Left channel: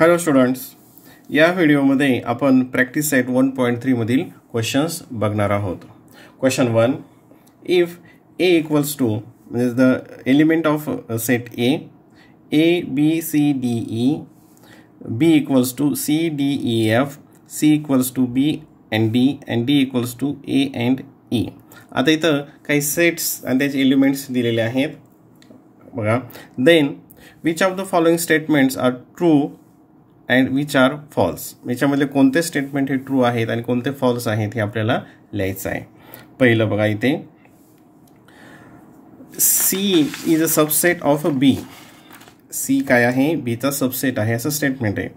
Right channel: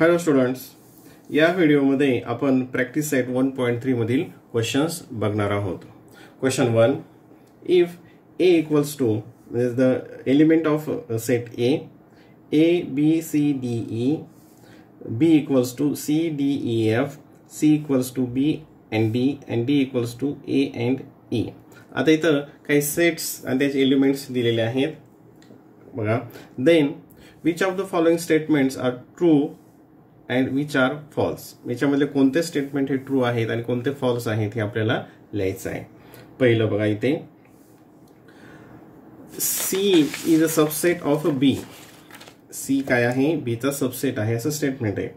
Hello students, या व्हिडिओमध्ये आपण प्रॅक्टिस सेट 1.3 मधील क्वेश्चन्स बघणार आहोत. Question 1, if a equals to is the element of set a b c d e, b equals to c d e f, c equals to b and d equals to a and e. आता इथं काही sets आणि त्याचे elements दिलेले आहेत बघा. Then which of the following statements are true and which are false. याच्यामध्ये कोणते स्टेटमेंट हे ट्रू आहेत आणि कोणते फॉल्स आहेत हे आपल्याला लिहायचं आहे. पहिलं बघा, इथे C is a subset of B. C काय आहे? B चा सबसेट आहे असं स्टेटमेंट आहे.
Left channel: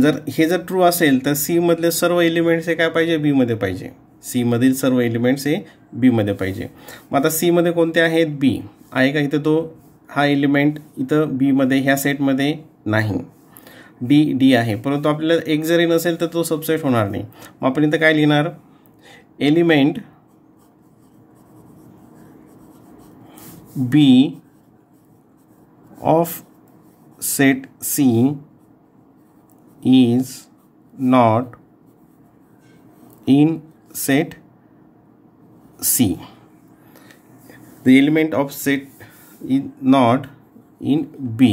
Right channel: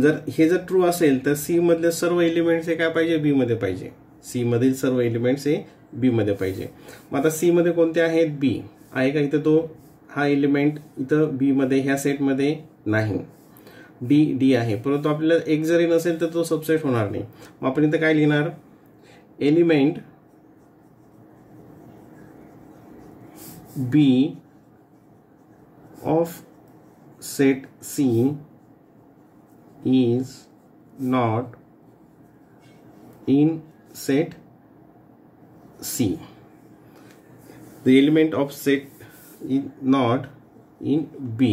जर हे जर ट्रू असेल तर C मधले सर्व एलिमेंट्स हे काय पाहिजे? B मध्ये पाहिजे. C मधील सर्व एलिमेंट्स हे B मध्ये पाहिजे. मग आता C मध्ये कोणते आहेत? B आहे का? इथं तो हा एलिमेंट इथं B मध्ये ह्या सेट मध्ये नाही. D आहे, परंतु आपल्याला एक जरी नसेल तर तो सबसेट होणार नाही. मग आपण इथं काय लिहिणार? Element B of set C is not in set C. The element of set is not in B.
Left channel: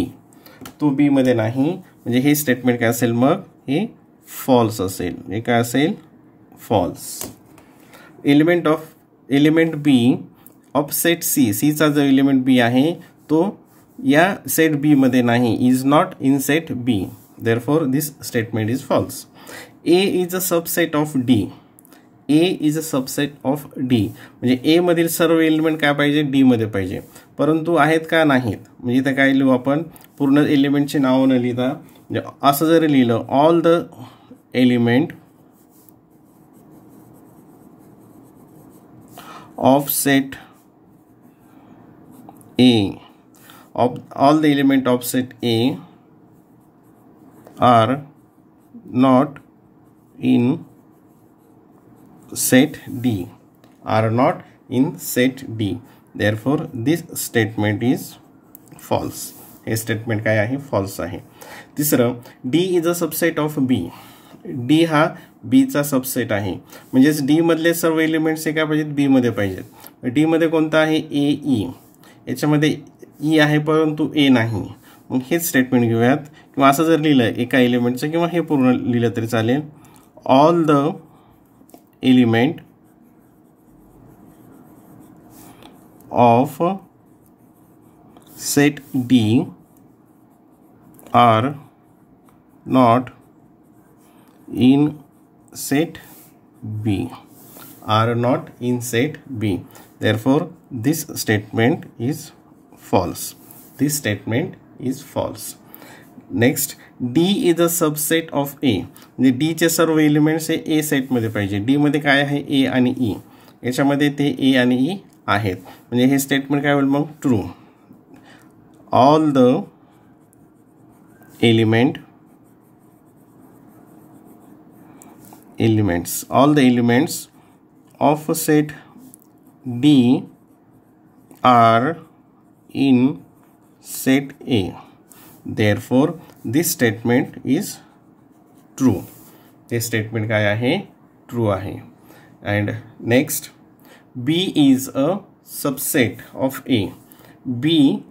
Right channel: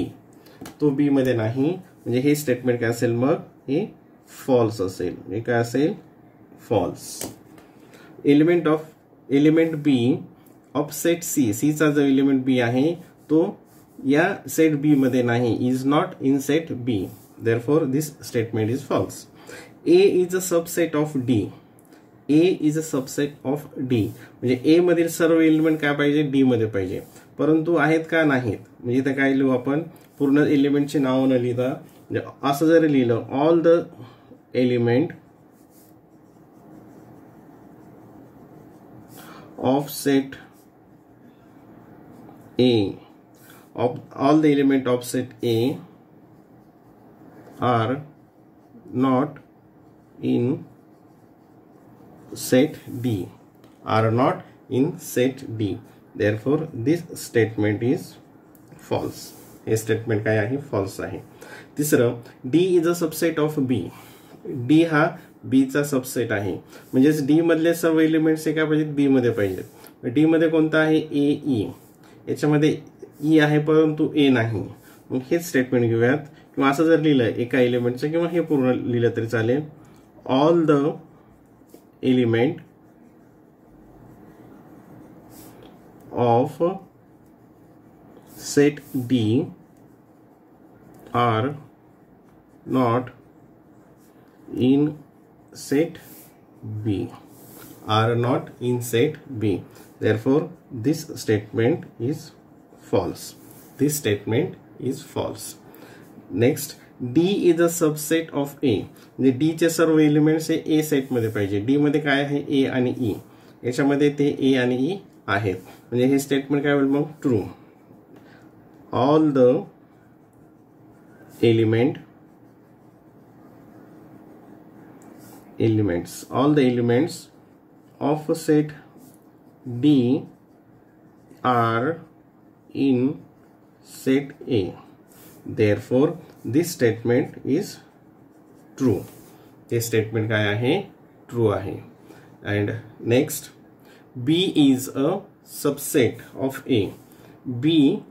तो B मध्ये नाही, म्हणजे हे स्टेटमेंट काय असेल? मग हे फॉल्स असेल. हे काय असेल? False. Element B of set C, C चा जो एलिमेंट B आहे तो या सेट B मध्ये नाही, is not in set B. Therefore this statement is false. A is a subset of D. A is a subset of D, म्हणजे A मधील सर्व एलिमेंट काय पाहिजे? D मध्ये पाहिजे, परंतु आहेत का? नाहीत. म्हणजे इथं काय लिहू आपण? पूर्ण एलिमेंटची नावं न लिहिता म्हणजे असं जरी लिहिलं, all the element of set A, all the element of set A are not in set D, are not in set D. Therefore this statement is false. हे स्टेटमेंट काय आहे? फॉल्स आहे. तिसरं, D is a subset of B. D हा B चा subset आहे, म्हणजेच D मधले सर्व एलिमेंट्स हे काय पाहिजेत? B मध्ये पाहिजेत. D मध्ये कोणता आहे? A E. याच्यामध्ये E आहे परंतु A नाही. मग हेच स्टेटमेंट घेऊयात, किंवा असं जर लिहिलं एका एलिमेंटचं, किंवा हे पूर्ण लिहिलं तरी चालेल. All the element of set D are not in set B, are not in set B. Therefore this statement is false. This statement is false. Next, D is a subset of A. म्हणजे D चे सर्व elements हे A set मध्ये पाहिजे. D मध्ये काय आहे? A आणि E. याच्यामध्ये ते A आणि E आहेत, म्हणजे हे स्टेटमेंट काय होईल मग? True. all the elements of set D are in set A. Therefore this statement is true. this statement काय आहे? ट्रू आहे. and next, B is a subset of A. B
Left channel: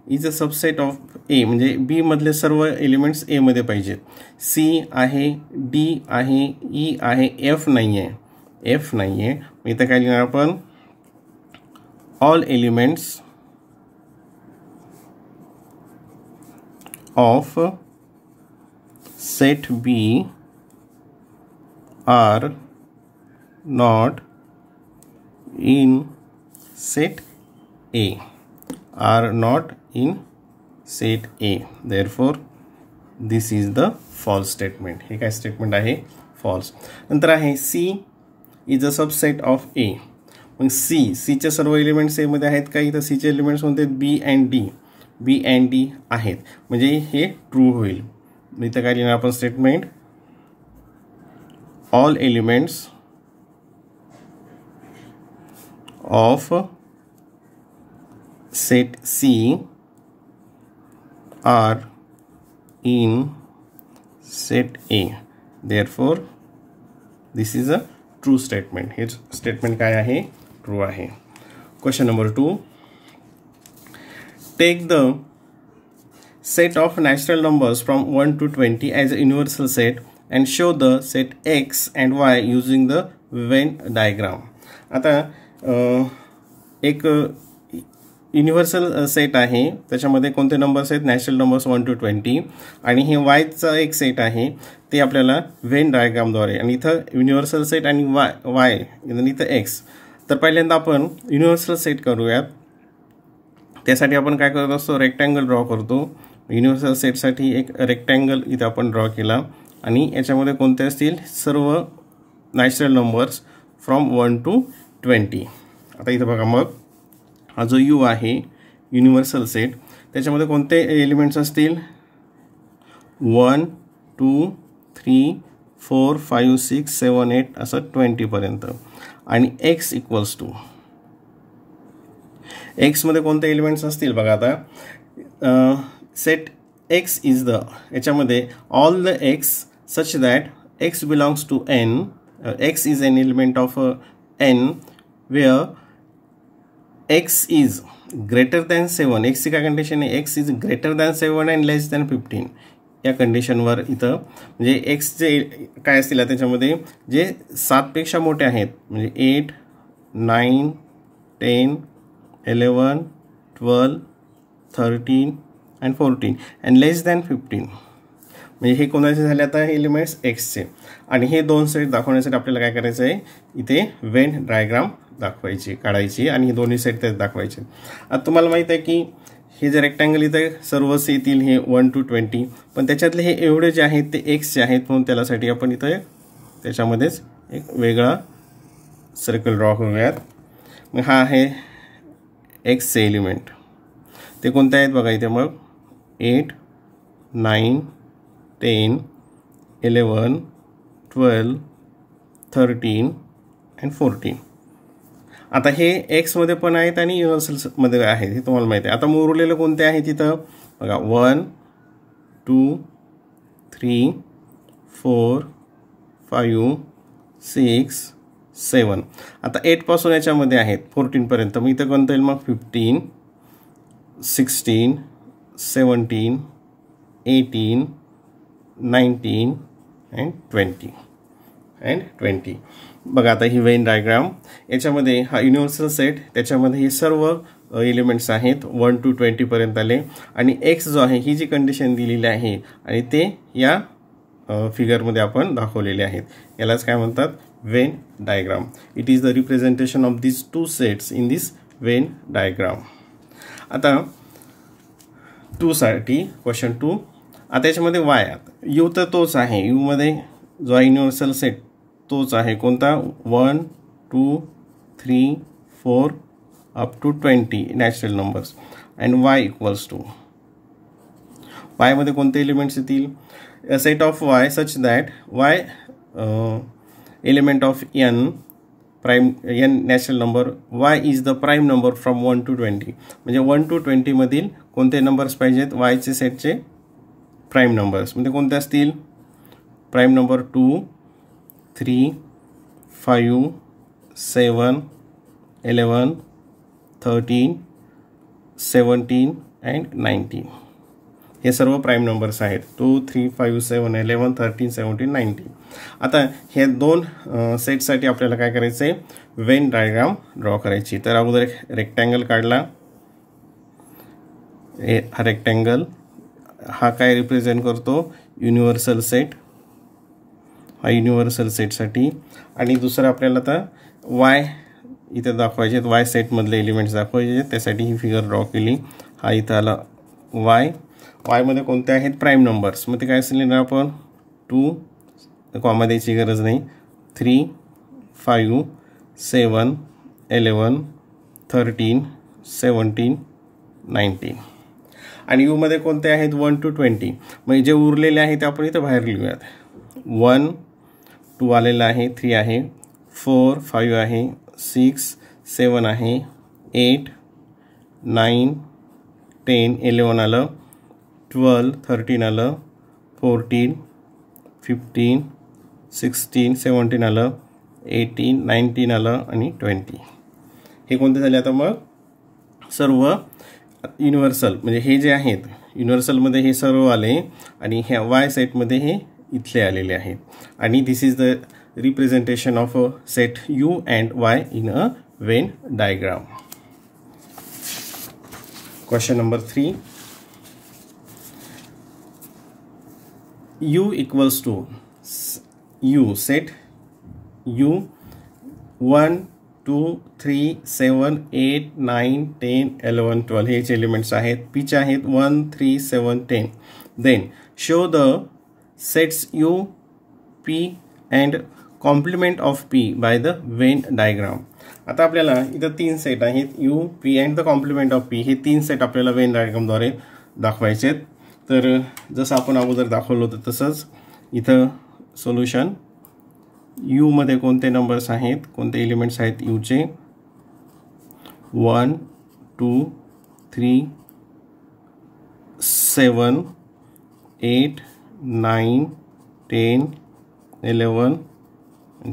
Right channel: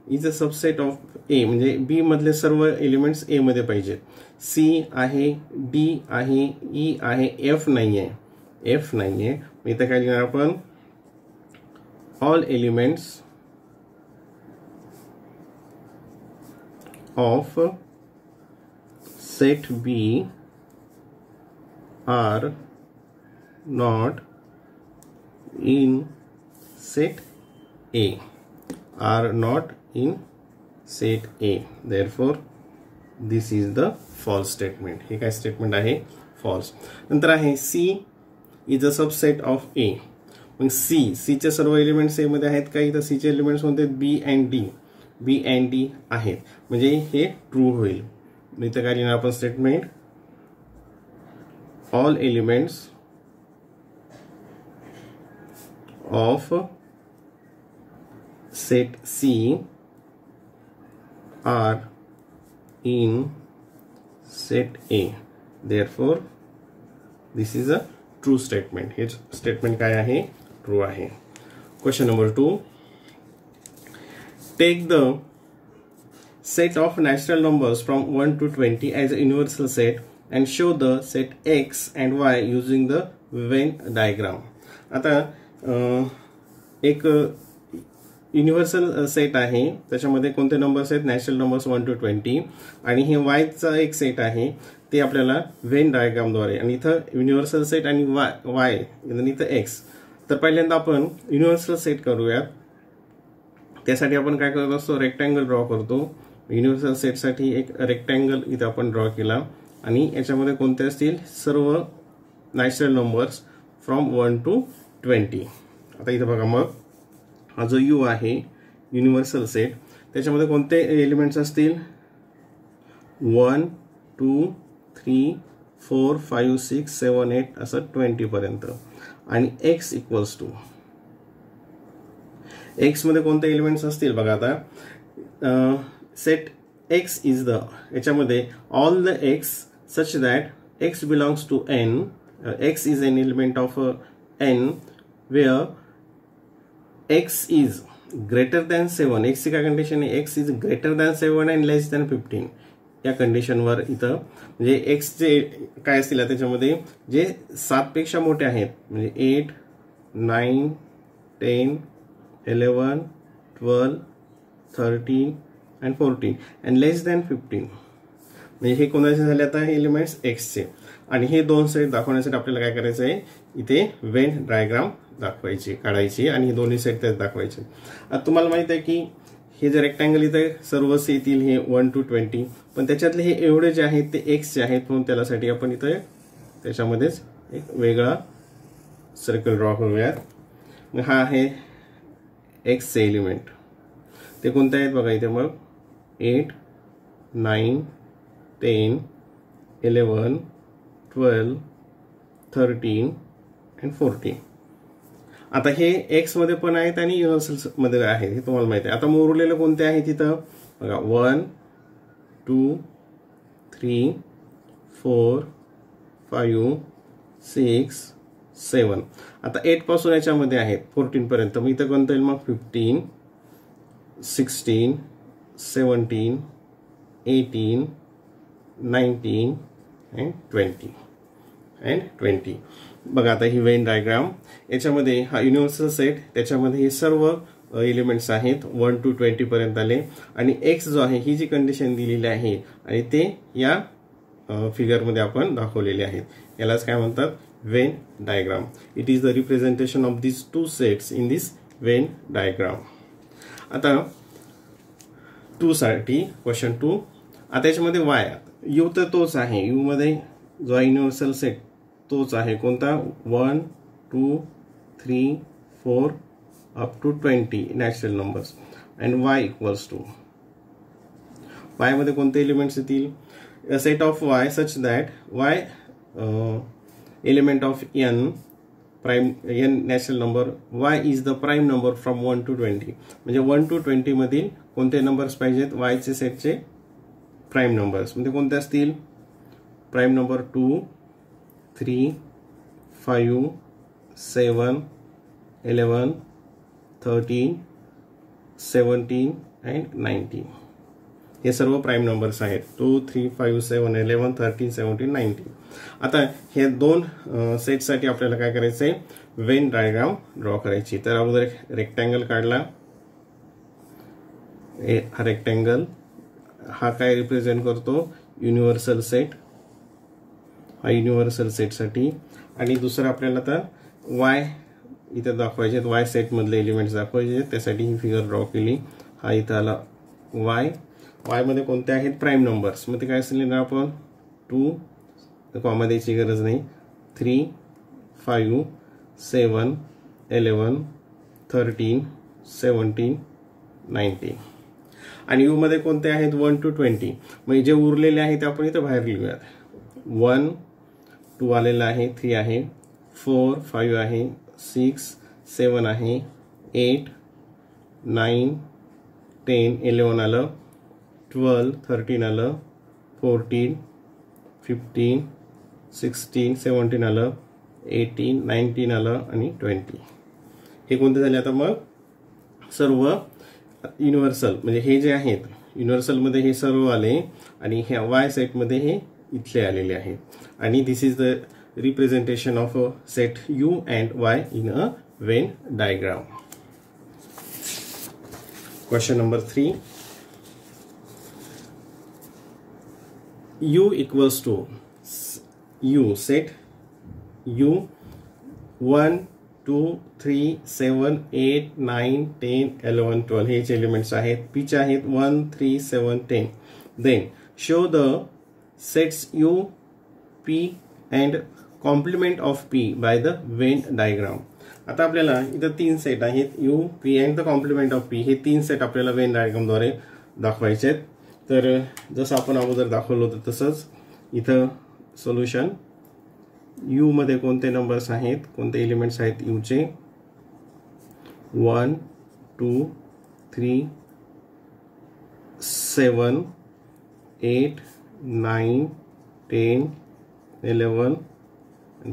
is a subset of A, म्हणजे B मधले सर्व elements A मध्ये पाहिजेत. C आहे, D आहे, E आहे, F नाही आहे. F नाही आहे. इथं काय लिहिणार आपण? All elements of set B are not in set A, are not in set A. Therefore this is the false statement. हे काय स्टेटमेंट आहे? फॉल्स. नंतर आहे C is a subset of A. मग C चे सर्व एलिमेंट्स A मध्ये आहेत का? इथं C चे एलिमेंट्स कोणते? B and D. B and D आहेत, म्हणजे हे ट्रू होईल. इथं काय लिहिणार आपण statement? All elements of set C are in set A. Therefore, this is a true statement. हे statement काय आहे? True आहे. Question number 2. Take the set of natural numbers from 1 to 20 as a universal set and show the set X and Y using the Venn diagram. आता एक universal set आहे, त्याच्यामध्ये कोणते numbers आहेत? नॅचरल नंबर्स 1 to 20, आणि हे वायचा एक set आहे, ते आपल्याला वेन डायग्रामद्वारे, आणि इथं युनिव्हर्सल सेट आणि वाय आणि इथं एक्स. तर पहिल्यांदा आपण युनिव्हर्सल सेट करूयात. त्यासाठी आपण काय करत असतो? रेक्टँगल ड्रॉ करतो. युनिव्हर्सल सेटसाठी एक रेक्टँगल इथं आपण ड्रॉ केला, आणि याच्यामध्ये कोणते असतील? सर्व नॅचरल नंबर्स फ्रॉम 1 to 20. आता इथं बघा, मग हा जो यू आहे युनिव्हर्सल सेट, त्याच्यामध्ये कोणते एलिमेंट्स असतील? 1 2 3 4 5 6 7 8 असं 20 पर्यंत. आणि एक्स इक्वल्स टू, एक्स मध्ये कोणते एलिमेंट्स असतील? बघा आता सेट एक्स इज द, याच्यामध्ये all the X such that X belongs to N. X is an element of N where X is greater than 7. एक्सची काय कंडिशन आहे? X is greater than 7 and less than 15. या कंडिशनवर इथं म्हणजे x जे काय असतील त्याच्यामध्ये जे 7 पेक्षा मोठे आहेत, म्हणजे 8 9 10 11 12 13 अँड 14 अँड लेस दॅन 15, म्हणजे हे कोणाचे झाले आता? एलिमेंट्स एक्सचे. आणि हे दोन सेट दाखवण्यासाठी आपल्याला काय करायचं आहे? इथे वेन डायग्राम दाखवायची, काढायची, आणि हे दोन्ही सेट त्यात दाखवायचे. आता तुम्हाला माहित आहे की हे जे रेक्टँगल इथे सर्वच येतील हे 1 to 20, पण त्याच्यातले हे एवढे जे आहेत ते एक्सचे आहेत, म्हणून त्यासाठी आपण इथं त्याच्यामध्येच एक वेगळा सर्कल ड्रॉ करूयात. मग हा आहे एक्सचे एलिमेंट. ते कोणते आहेत बघा इथे? मग 8 9 10 11 12 13 अँड 14. आता हे एक्स मध्ये पण आहेत आणि युनिव्हर्सल मध्ये आहेत, हे तुम्हाला माहिती आहे. आता मग उरलेले कोणते आहेत तिथं? बघा 1 2 3 4 5 6 7. आता 8 पासून याच्यामध्ये आहेत 14 पर्यंत. मग इथं कोणतं येईल? मग 15 16 17 18 19 अँड 20. बघा आता ही वेन डायग्राम, याच्यामध्ये हा युनिव्हर्सल सेट, त्याच्यामध्ये हे सर्व एलिमेंट्स आहेत 1 to 20 पर्यंत आले, आणि एक्स जो आहे ही जी कंडिशन दिलेली आहे, आणि ते या फिगरमध्ये आपण दाखवलेले आहेत. यालाच काय म्हणतात? Venn diagram. It is the representation of this two sets in this Venn diagram. आता 2 साठी क्वेश्चन 2. आता याच्यामध्ये वाय, यू तर तोच आहे, यू मध्ये जो आहे युनिव्हर्सल सेट तोच आहे. कोणता? 1 2 3 4 up to 20 natural numbers. And Y equals to, Y मध्ये कोणते एलिमेंट्स येतील? A set of Y such that Y element of N prime, N natural number, Y is the prime number from 1 to 20. म्हणजे 1 to 20 मधील कोणते numbers पाहिजेत? वायचे सेटचे prime numbers. म्हणजे कोणते असतील? Prime number 2 3 5 7 11 13 17 and 19. हे सर्व प्राइम नंबर्स आहेत. 2 3 5 7 11 13 17 19. आता हे दोन सेटसाठी आपल्याला काय करायचं आहे? वेन डायग्राम ड्रॉ करायची. तर अगोदर एक रेक्टँगल काढला. हा रेक्टँगल हा काय रिप्रेझेंट करतो? Universal set. हा युनिव्हर्सल सेटसाठी. आणि दुसरं आपल्याला आता वाय इथे दाखवायचे, वाय सेटमधले एलिमेंट्स दाखवायचे, त्यासाठी ही फिगर ड्रॉ केली. हा इथं आला वाय. वायमध्ये कोणते आहेत? Prime numbers. मग ते काय असेल? आपण 2 कॉमा द्यायची गरज नाही, 3 5 7 11 13 17 19. आणि यू मध्ये कोणते आहेत? 1 to 20. म्हणजे जे उरलेले आहेत ते आपण इथं बाहेर लिहूयात. 1 2 आलेला आहे, 3 आहे, 4 5 आहे, 6 7 आहे, 8 9 10 11 आलं, 12 13 आलं, 14 15 16 17 आलं, 18 19 आलं आणि 20. हे कोणते झाले आता मग सर्व युनिव्हर्सल, म्हणजे हे जे आहेत युनिव्हर्सलमध्ये हे सर्व आले आणि ह्या वाय सेटमध्ये हे इथले आलेले आहेत. आणि this is the representation of a set U and Y in a Venn diagram. Question number 3. U equals to U set U 1 2 3 7 8 9 10 11 12 हे एलिमेंट्स आहेत. P चे आहेत 1 3 7 10. Then show the sets U P and complement of P by the Venn diagram. आता आपल्याला इथं 3 set आहेत U P and the complement of P. हे 3 set आपल्याला Venn diagram द्वारे दाखवायचे आहेत. तर जसं आपण अगोदर दाखवलं होतं तसंच इथं सोल्युशन U मध्ये कोणते नंबर्स आहेत, कोणते एलिमेंट्स आहेत U चे 1 2 3 7 8 9 10 11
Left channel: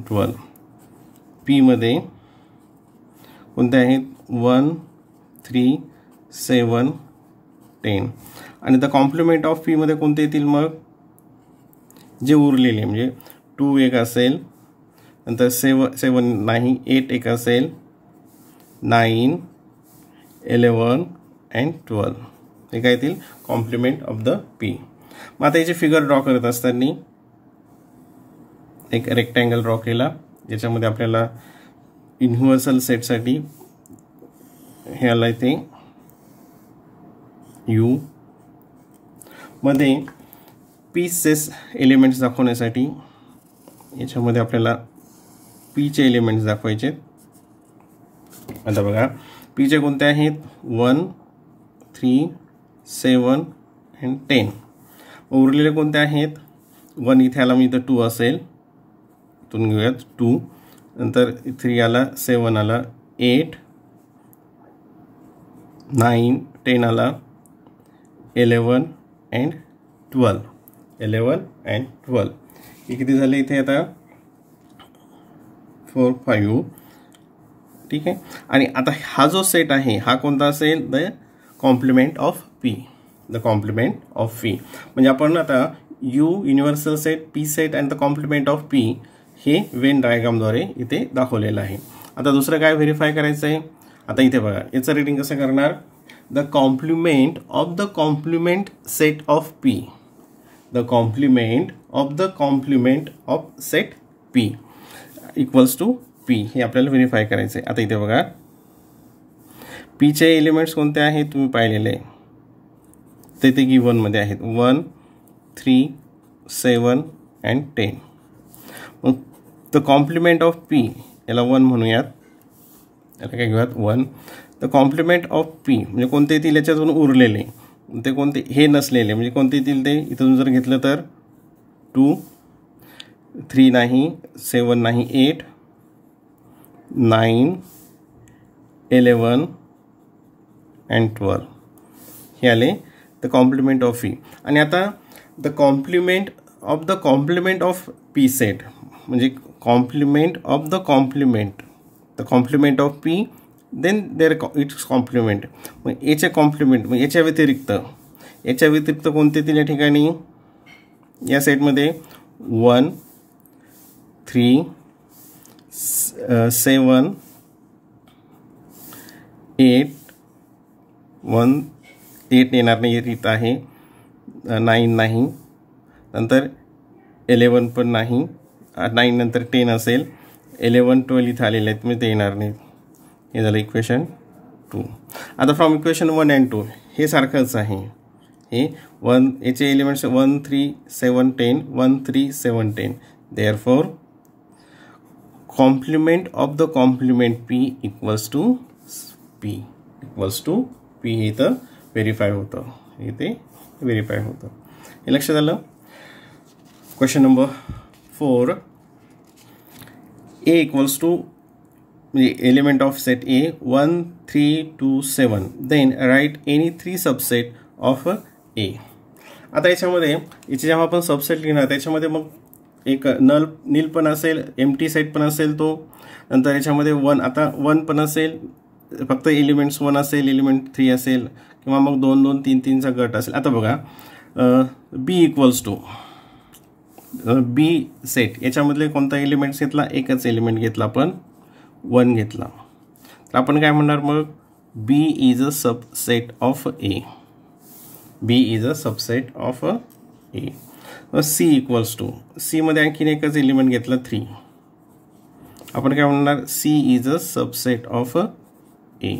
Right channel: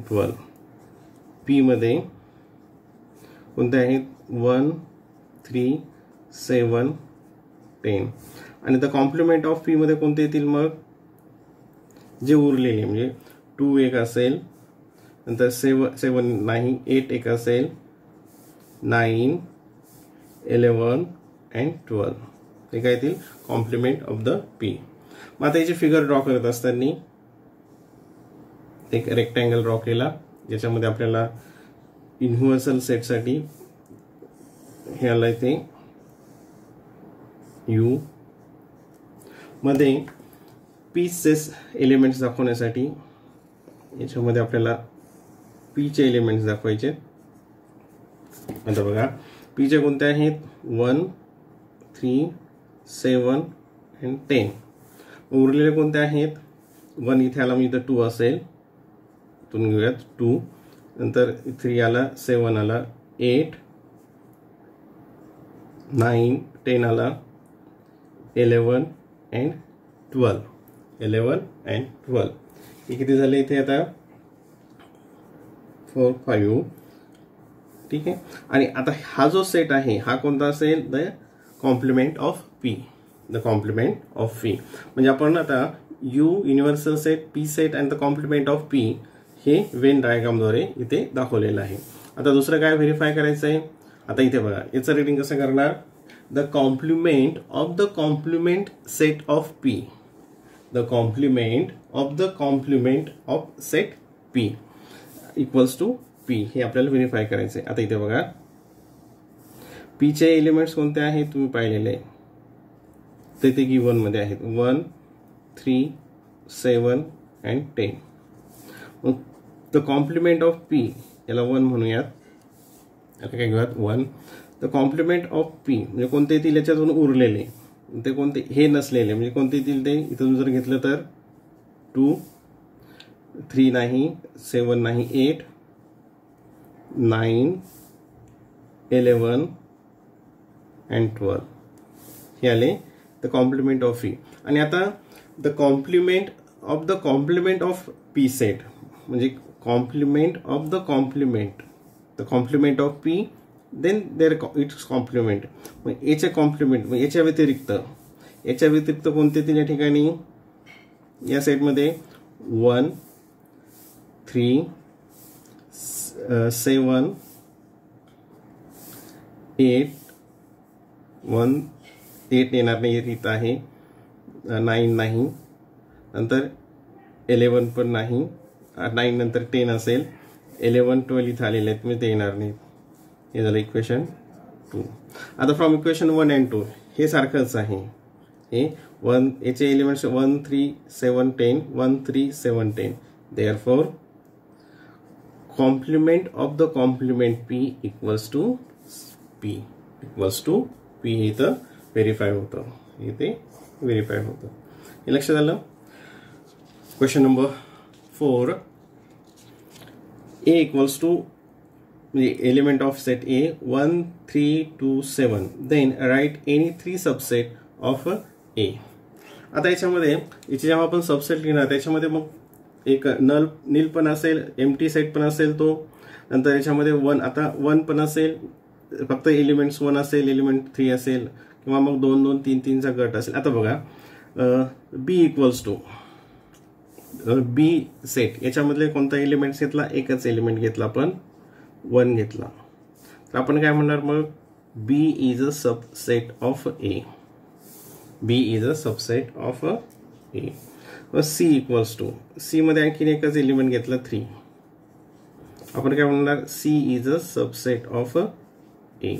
12. P मध्ये कोणते आहेत 1 3 7 10. आणि द कॉम्प्लिमेंट ऑफ P मध्ये कोणते येतील मग जे उरलेले, म्हणजे 2 एक असेल, नंतर 7 नाही, 8 एक असेल, 9 11 and 12 हे काय येतील कॉम्प्लिमेंट ऑफ द P. मग आता याचे फिगर ड्रॉ करत असताना एक रेक्टँगल ड्रॉ केला ज्याच्यामध्ये आपल्याला युनिव्हर्सल सेटसाठी हे आलं ते U मध्ये पीसेस एलिमेंट्स दाखवण्यासाठी याच्यामध्ये आपल्याला P चे एलिमेंट्स दाखवायचे. आता बघा P चे कोणते आहेत 1 3 7 and 10. उरलेले कोणते आहेत 1 इथे आला, मी इथं 2 असेल, इथून घेऊयात 2, नंतर 3 आला, 7 आला, 8 9 10 आला, 11 and 12. 11 and 12 हे किती झाले इथे आता 4 5. ठीक आहे. आणि आता हा जो सेट आहे हा कोणता असेल the complement of P. The complement of P म्हणजे आपण आता U universal set P set and the complement of P हे वेन डायग्रामद्वारे इथे दाखवलेलं आहे. आता दुसरं काय व्हेरीफाय करायचं आहे. आता इथे बघा याचं रीडिंग कसं करणार. The complement of the complement set of P. The complement of the complement of set P equals to P हे आपल्याला व्हेरीफाय करायचं आहे. आता इथे बघा P चे एलिमेंट्स कोणते आहेत तुम्ही पाहिलेले ते ते गिवन मध्ये आहेत 1 3 7 and 10. मग द कॉम्प्लिमेंट ऑफ P याला 1 म्हणूयात, याला काय घेऊयात 1. द कॉम्प्लिमेंट ऑफ P म्हणजे कोणते येतील याच्यातून उरलेले, ते कोणते हे नसलेले म्हणजे कोणते येतील ते इथून जर घेतलं तर 2 3 नाही, 7 नाही, 8 9 11 and 12 हे आले द कॉम्प्लिमेंट ऑफ P. आणि आता the complement of the complement of P set म्हणजे complement of the complement of P then there it's complement. मग याचे कॉम्प्लिमेंट मग याच्या व्यतिरिक्त कोणते येतील या ठिकाणी या सेटमध्ये 1 3 7 8 1 8 येणार नाही इथं आहे, 9 नाही, नंतर 11 पण नाही, 9 नंतर 10 असेल, 11 12 इथं आलेले आहेत म्हणजे ते येणार नाहीत. हे झालं इक्वेशन 2. आता फ्रॉम इक्वेशन 1 and 2 हे सारखंच आहे. हे 1 याचे elements 1 3 7 10 1 3 7 10. Therefore complement of the complement P equals to P हे इथं व्हेरीफाय होतं, इथे व्हेरीफाय होतं. हे लक्षात आलं. Question number 4 A equals to म्हणजे element of set A 1 3 2 7. Then write any 3 subset of A. आता याच्यामध्ये याचे जेव्हा आपण सबसेट लिहिणार त्याच्यामध्ये मग एक नील पण असेल, एम्प्टी सेट पण असेल तो, नंतर याच्यामध्ये 1 आता 1 पण असेल, फक्त एलिमेंट्स 1 असेल, एलिमेंट 3 असेल, किंवा मग 2 2 3 3 चा गट असेल. आता बघा बी इक्वल्स टू बी सेट, याच्यामधले कोणता एलिमेंट्स घेतला, एकच एलिमेंट घेतला आपण 1 घेतला, तर आपण काय म्हणणार मग B is a subset of A. B is a subset of A. C equals to, C मध्ये आणखीन एकच एलिमेंट घेतला 3, आपण काय म्हणणार C is a subset of A.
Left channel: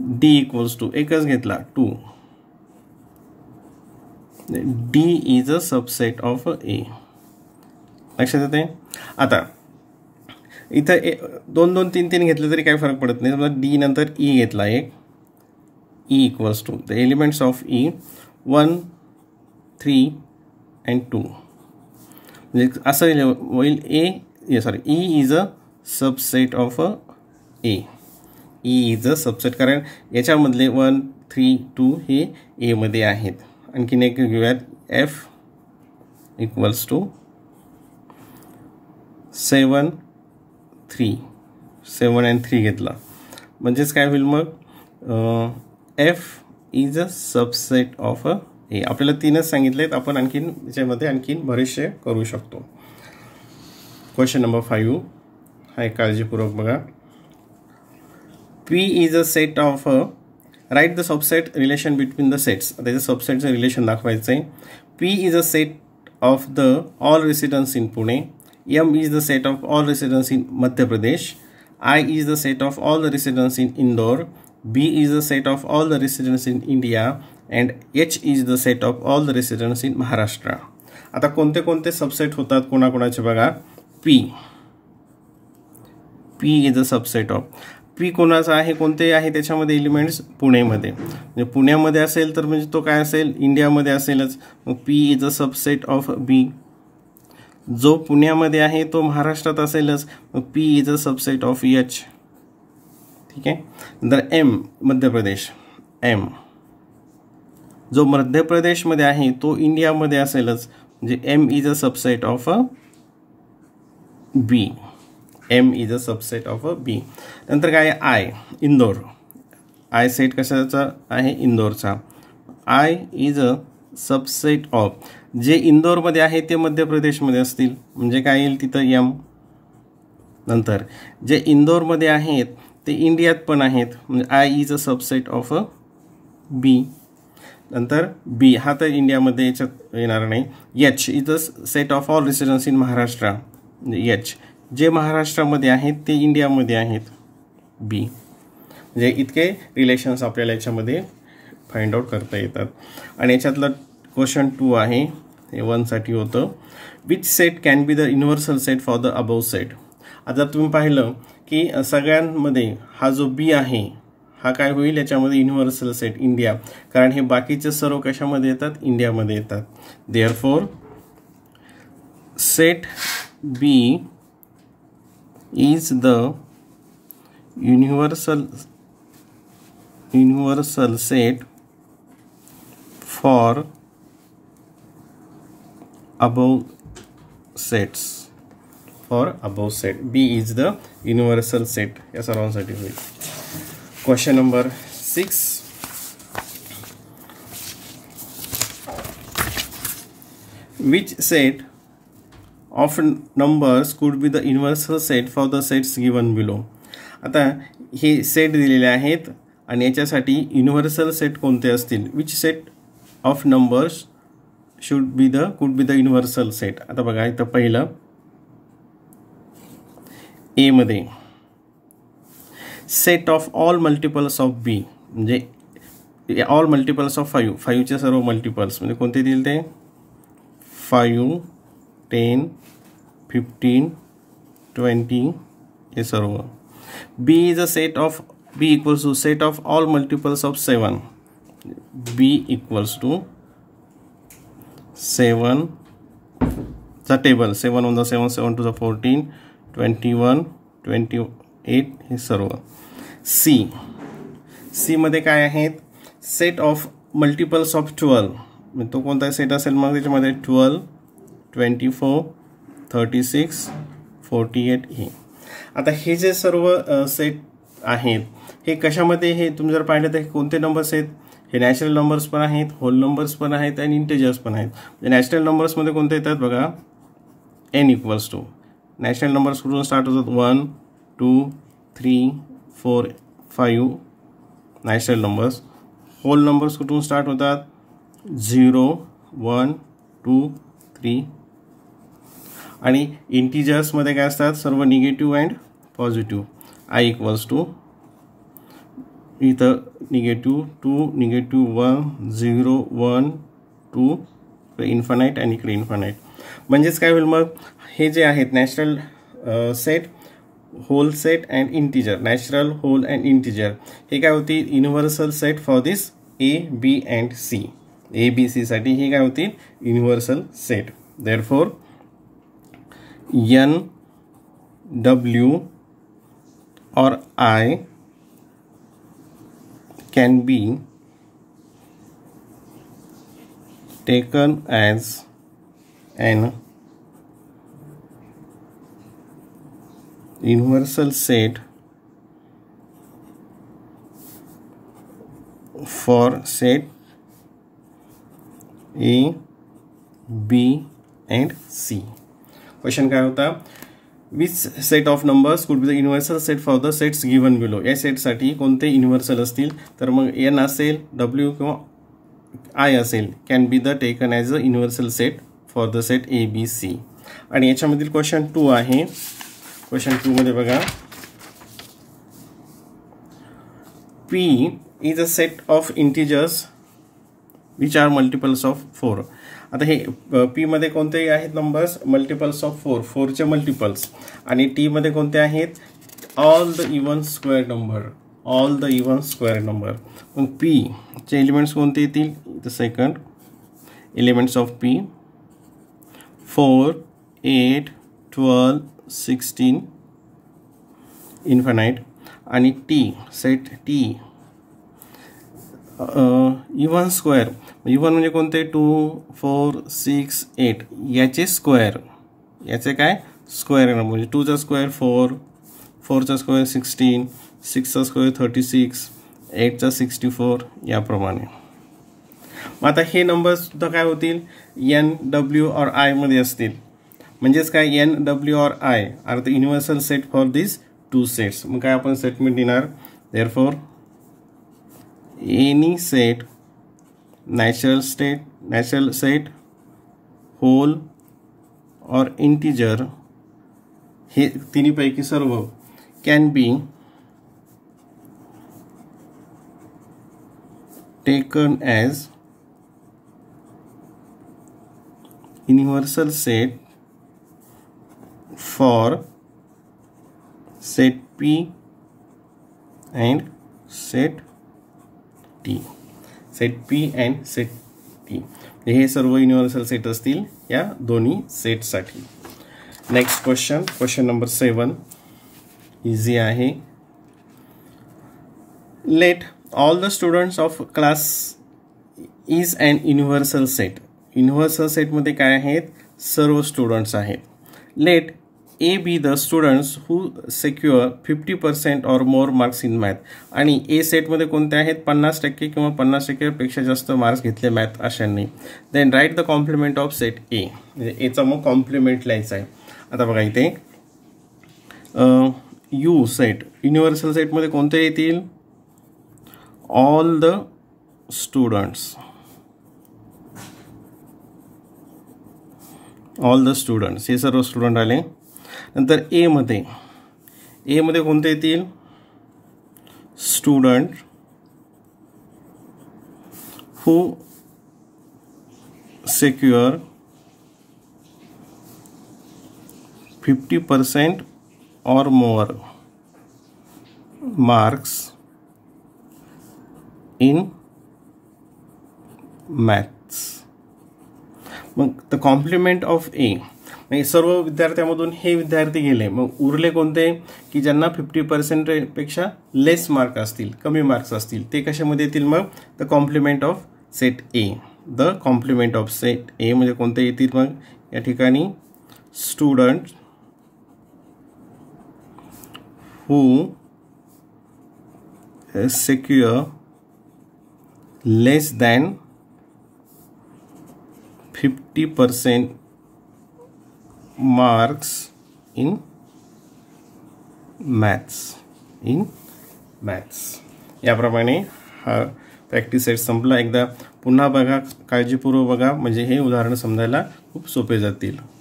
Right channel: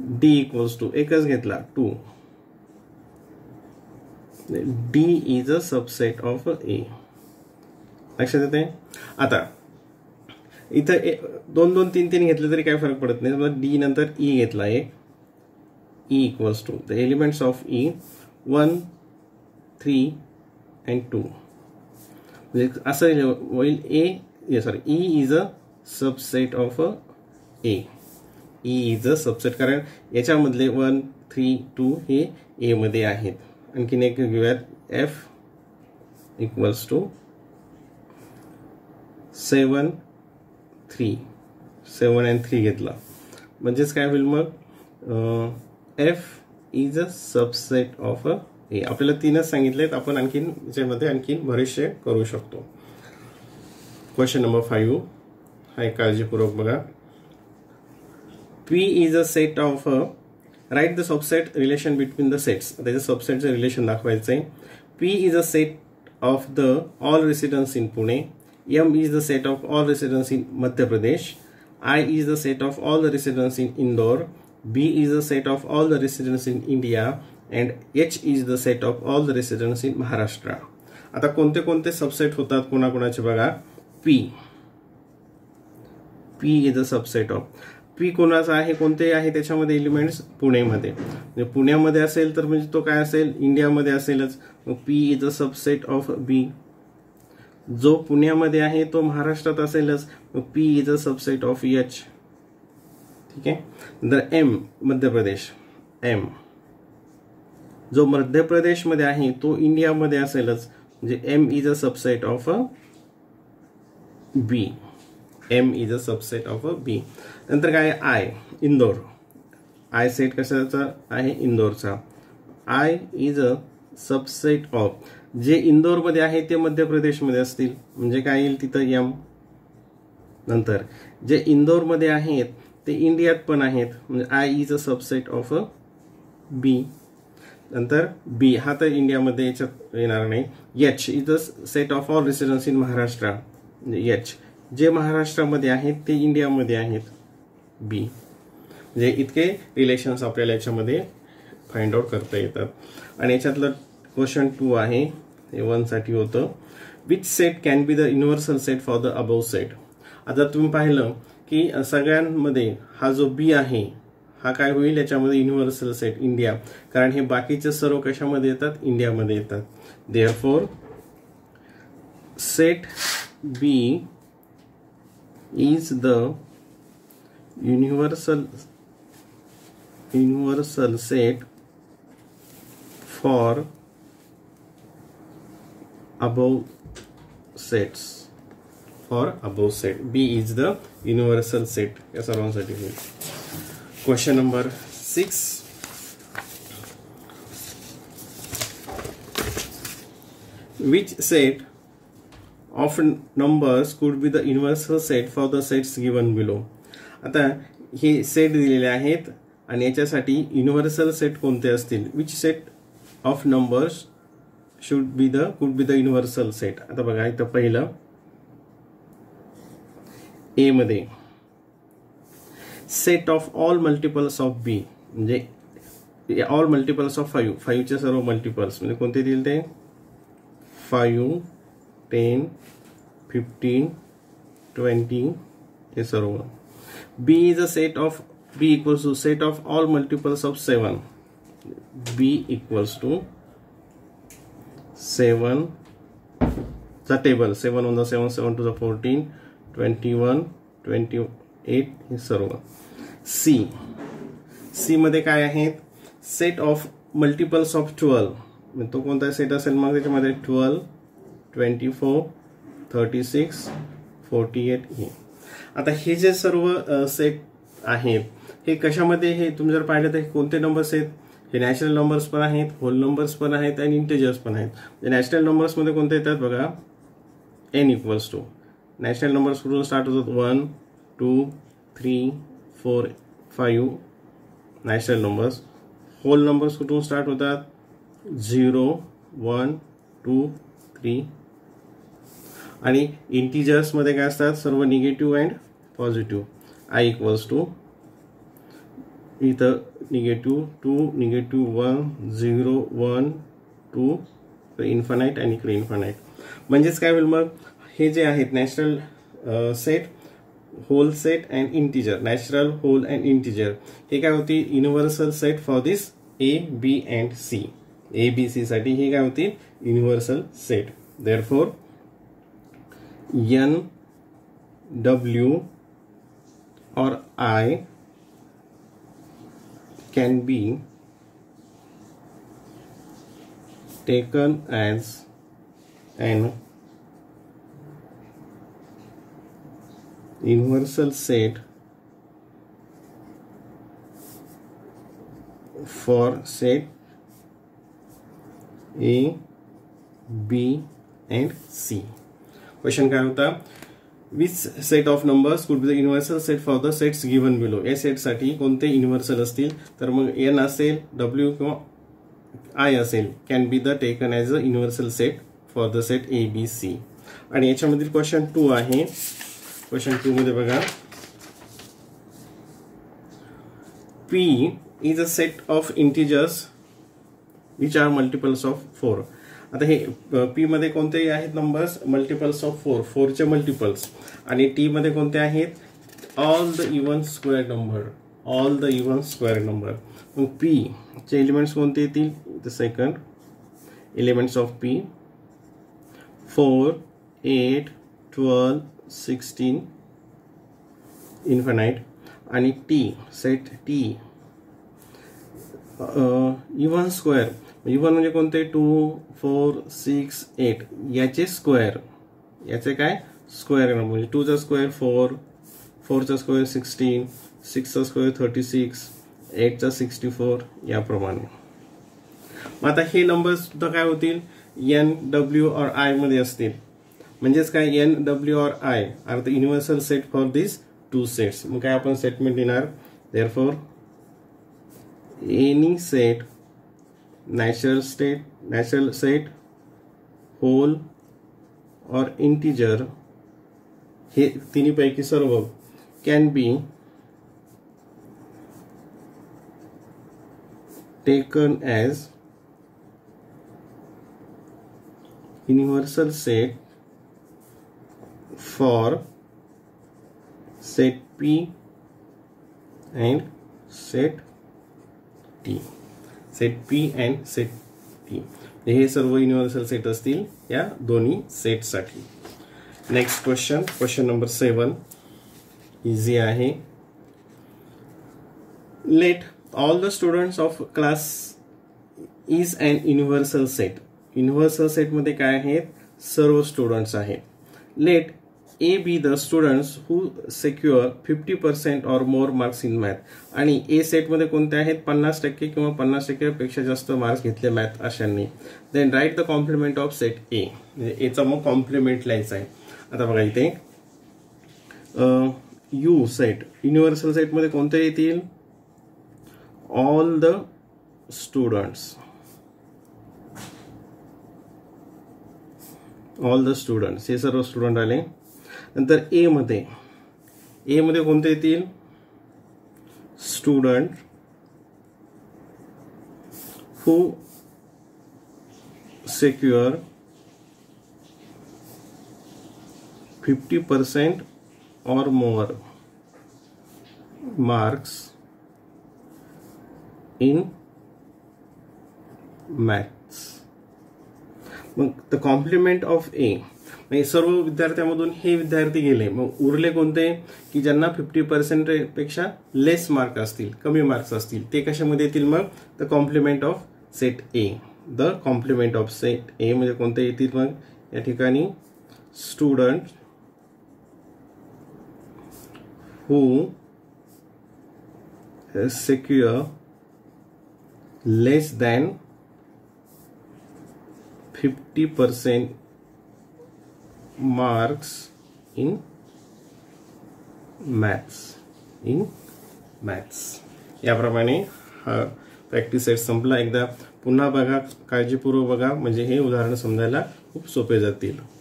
D equals to, एकच घेतला 2, D is a subset of A. लक्षात येते. आता इथं 2 2 3 3 घेतलं तरी काय फरक पडत नाही. समजा डी नंतर ई घेतला एक, E equals to the elements of E 1 3 and 2, म्हणजे असं होईल E is a subset of A. E is a subset, कारण याच्यामधले 1 3 2 हे ए मध्ये आहेत. आणखीन एक घेऊयात, एफ इक्वल्स टू 7 3, 7 and 3 घेतला, म्हणजेच काय होईल मग F is a subset of A. आपल्याला 3च सांगितलेत, आपण आणखीन याच्यामध्ये आणखीन बरेचसे करू शकतो. क्वेश्चन नंबर 5 हा काळजीपूर्वक बघा. P is a set of write the subset relation between the sets. आता इथे सबसेटचं रिलेशन दाखवायचं आहे. P is a set of the all residents in Pune. M is the set of all residents in Madhya Pradesh. I is the set of all the residents in Indore. B is the set of all the residents in India. And H is the set of all the residents in Maharashtra. आता कोणते कोणते subset होतात कोणाकोणाचे बघा. P is a subset of. P कोणाचा आहे, कोणते आहे त्याच्यामध्ये एलिमेंट्स, पुणेमध्ये. म्हणजे पुण्यामध्ये असेल तर म्हणजे तो काय असेल, इंडियामध्ये असेलच. मग P is a subset of B. जो पुण्यामध्ये आहे तो महाराष्ट्रात असेलच, मग P is a subset of H. ठीक आहे. नंतर M मध्य प्रदेश, M जो मध्य प्रदेशमध्ये आहे तो इंडियामध्ये असेलच, म्हणजे M is a subset of B. M is a subset of B. नंतर काय आय, इंदोर. आय सेट कशाचा आहे, इंदोरचा. I is a subset of, जे इंदोरमध्ये आहे ते मध्य प्रदेशमध्ये असतील, म्हणजे काय येईल तिथं M. नंतर जे इंदोरमध्ये आहेत ते इंडियात पण आहेत, म्हणजे I is a subset of B. नंतर बी हा तर इंडियामध्ये याच्यात येणार नाही. H is a set of all residents in Maharashtra, म्हणजे एच जे महाराष्ट्रामध्ये आहेत ते इंडियामध्ये आहेत, बी. म्हणजे इतके रिलेशन्स आपल्याला याच्यामध्ये फाइंड आउट करता येतात. आणि याच्यातलं क्वेश्चन 2 आहे, हे 1 साठी होतं. Which set can be the universal set for the above set. आता तुम्ही पाहिलं की सगळ्यांमध्ये हा जो बी आहे हा काय होईल, याच्यामध्ये युनिव्हर्सल सेट इंडिया, कारण हे बाकीचे सर्व कशामध्ये येतात, इंडियामध्ये येतात. Therefore set B is the universal set for above sets. For above set B is the universal set, या सर्वांसाठी होईल. Question number 6. Which set of numbers could be the universal set for the sets given below? आता हे set दिलेले आहेत आणि याच्यासाठी universal set कोणते असतील. Which set of numbers could be the universal set? आता बघा इथं पहिलं A मध्ये set of all multiples of B, म्हणजे ऑल मल्टिपल्स ऑफ 5, 5चे सर्व मल्टिपल्स म्हणजे कोणते दिले ते 5 10 15 20 हे सर्व. B is a set of, B equals to set of all multiples of 7. B equals to 7 चा टेबल, 7 1 7 7 2 14 21 28 हे सर्व. सी मध्ये काय आहेत, सेट ऑफ मल्टिपल्स ऑफ 12, तो कोणता सेट असेल मग त्याच्यामध्ये 12, 24, 36, 48 ही. आता हे जे सर्व सेट आहेत हे कशामध्ये, हे तुम्ही जर पाहिलं तर कोणते नंबर्स आहेत, हे नॅचरल नंबर्स पण आहेत, होल नंबर्स पण आहेत आणि इंटिजर्स पण आहेत. नॅचरल नंबर्समध्ये कोणते येतात बघा, n equals to, natural numbers कुठून स्टार्ट होतात, 1, 2, 3, 4, 5 नॅचरल नंबर्स. होल नंबर्स कुठून स्टार्ट होतात, 0, 1, 2, 3. आणि इंटिजर्समध्ये काय असतात, सर्व negative and positive. i equals to, इथं निगेटिव्ह 2, निगेटिव्ह 1, 0, 1, 2, इन्फानाईट आणि इकडे इन्फानाईट. म्हणजेच काय होईल मग, हे जे आहेत natural set, whole set and integer, natural, whole and integer, हे काय होतील, universal set for this A, B and C. A, B, C साठी हे काय होतील, universal set. Therefore N, W or I can be taken as an universal set for set A, B and C. Question काय होता, which set of numbers could be the universal set for the sets given below. या सेटसाठी कोणते universal असतील, तर मग n असेल, W किंवा I असेल, can be the taken as a universal set for the set A, B, C. आणि याच्यामधील क्वेश्चन 2 आहे. क्वेश्चन 2 मध्ये बघा, P is a set of integers which are multiples of 4. आता हे P मध्ये कोणते आहेत नंबर्स, मल्टिपल्स ऑफ 4, 4 चे मल्टिपल्स. आणि T मध्ये कोणते आहेत, all the even square number, all the even square number. मग P चे एलिमेंट्स कोणते येतील, the second elements of P 4, 8, 12, 16 infinite. आणि T set T even square, even म्हणजे कोणते, 2, 4, 6, 8 याचे स्क्वेअर, याचे काय स्क्वेअर, म्हणजे 2 चा स्क्वेअर 4, 4 चा स्क्वेअर 16, 6 चा स्क्वेअर 36, 8 चा 64 याप्रमाणे. मग आता हे नंबर सुद्धा काय होतील, N, W और I मध्ये असतील. म्हणजेच काय, N, W और I are the universal set for this two sets. मग काय आपण स्टेटमेंट देणार, therefore any set, natural set, whole or integer, हे तिन्हीपैकी सर्व can be taken as universal set for set P and set T. Set P and set T हे सर्व universal set असतील या दोन्ही सेटसाठी. Next question, question number 7 easy आहे. Let all the students of class is an universal set. Universal सेटमध्ये काय आहेत, सर्व स्टुडंट्स आहेत. Let A be the students who secure 50% or more marks in math. आणि A सेटमध्ये कोणते आहेत, 50% किंवा 50% पेक्षा जास्त मार्क्स घेतले मॅथ अशांनी. Then write the complement of set A. म्हणजे एचा मग कॉम्प्लिमेंट लिहायचा आहे. आता बघा इथे U सेट, युनिव्हर्सल सेटमध्ये कोणते येतील, all the students, all the students हे सर्व स्टुडंट आले. नंतर A मध्ये कोणते येतील, student who secure 50% or more marks in maths. मग द कॉम्प्लिमेंट ऑफ A, सर्व विद्यार्थ्यांमधून हे विद्यार्थी गेले. मग उरले कोणते, की ज्यांना 50% पेक्षा लेस मार्क असतील, कमी मार्क्स असतील, ते कशामध्ये येतील, मग the complement of set A. The complement of set A म्हणजे कोणते येतील मग या ठिकाणी student who secure less than 50% marks in maths. याप्रमाणे हा प्रॅक्टिस सेट संपला. एकदा पुन्हा बघा, काळजीपूर्वक बघा, म्हणजे हे उदाहरण समजायला खूप सोपे जातील.